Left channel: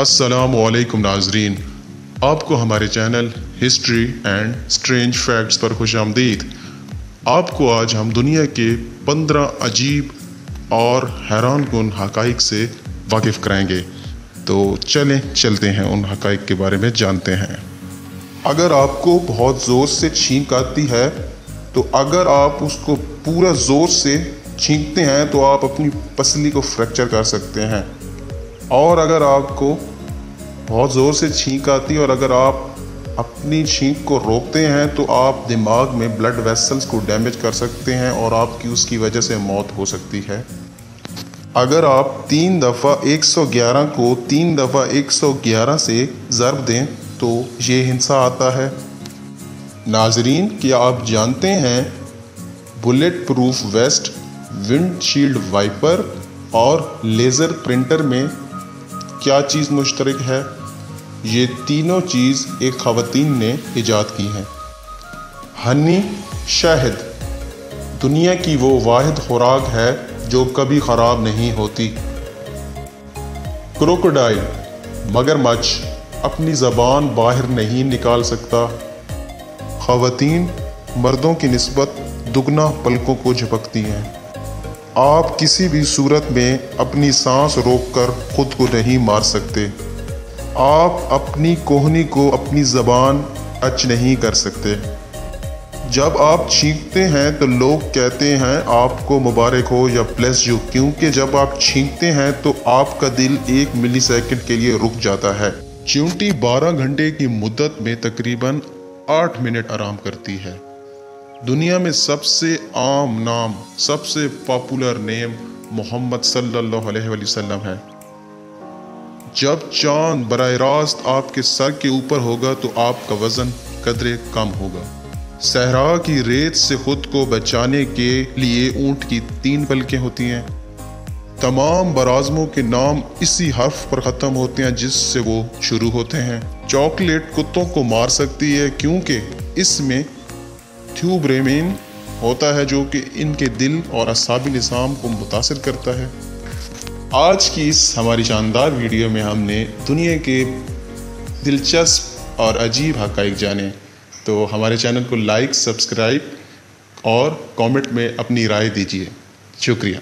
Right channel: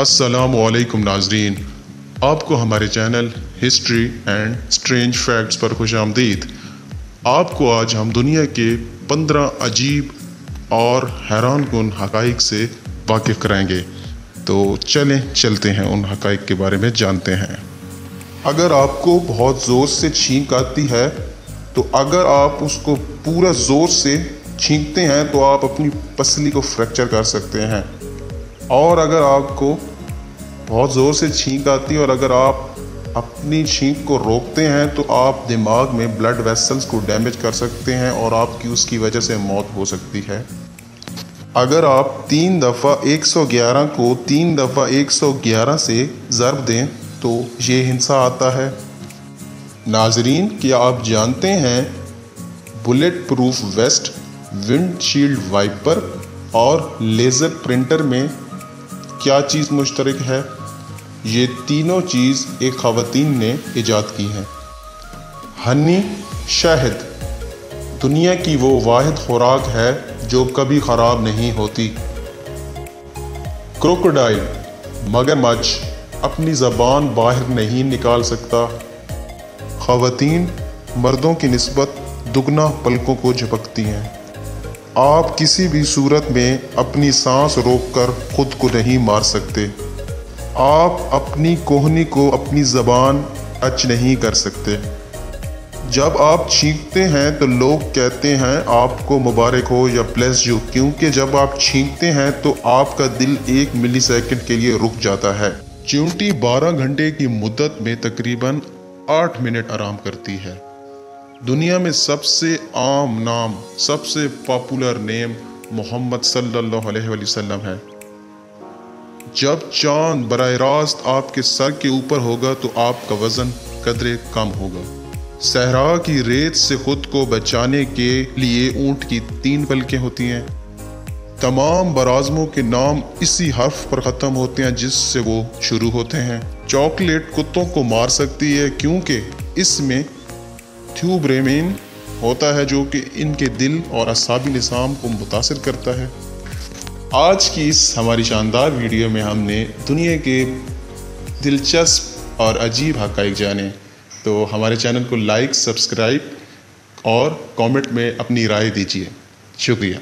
अस्सलामुअलैकुम नाज़रीन, आपको हमारे channel history and strange facts पर खुश आमदीद। आपको आज हम दुनिया के 15 अजीब और हैरान कुन हक़ाइक़ से वाकिफ़ कराएंगे। तो चलते हैं उन हक़ाइक़ के बारे में जानते हैं। अगर आपको बहुत ज़ोर से छींक आती है तो अगर आप उसको पूरा ज़ोर से छींकते हैं तो आप अपनी पसली को फ्रैक्चर कर सकते हैं। और अगर आपको बहुत ज़ोर से छींक आती है और अगर आप अपनी छींक को रोकते हैं तो आप दिमाग में ब्लड वेसल्स को डैमेज कर सकते हैं और आपकी उसकी वजह से मौत हो सकती है। अगर आप 3 दफ़ा 111 को 3 दफ़ा 111 से ज़रब दें तो ये हिंसा आता है। नाजरीन, क्या आप जानते हैं bullet proof vest, windshield wiper और लेज़र प्रिंटर में क्या चीज़ मुश्तरक है? ये तीनों चीज़ एक ख़वातीन ने इजाद की हैं। हनी, शहद दुनिया की वो वाहिद खुराक है जो कभी ख़राब नहीं होती। क्रोकोडाइल मगरमच्छ अपनी ज़बान बाहर नहीं निकाल सकता। ख़वातीन मर्दों की निस्बत दुगना पलकों को झपकती हैं। आप किसी भी सूरत में अपनी सांस रोककर खुद को नहीं मार सकते। आप अपनी कोहनी को अपनी ज़बान टच नहीं कर सकते। जब आप छींकते हैं तो लोग कहते हैं आपको मुबारक हो या ब्लेस यू, क्योंकि जब आप छींकते हैं तो आपका दिल 1 मिलीसेकंड के लिए रुक जाता है। चींटी 12 घंटे की मुद्दत में तकरीबन 8 मिनट आराम करती है। दुनिया में सबसे आम नाम, सबसे पॉपुलर नेम मोहम्मद सल्लल्लाहु अलैहि वसल्लम है। जब चांद बराह रास्त आपके सर के ऊपर होगा तो आपका वजन कदरे कम होगा। सहरा की रेत से खुद को बचाने के लिए ऊंट की 3 पलकें होती हैं। तमाम बराज़मों के नाम इसी हर्फ पर ख़त्म होते हैं जिससे वो शुरू होते हैं। चॉकलेट कुत्तों को मार सकती है क्योंकि इसमें थ्यूब्रेमिन होता है जो कि इनके दिल और असाबी निज़ाम को मुतासिर करता है। आज की इस हमारी शानदार वीडियो में हमने दुनिया के दिलचस्प और अजीब हक़ाइक़ जाने। तो हमारे चैनल को लाइक, सब्सक्राइब और कमेंट में अपनी राय दीजिए। शुक्रिया।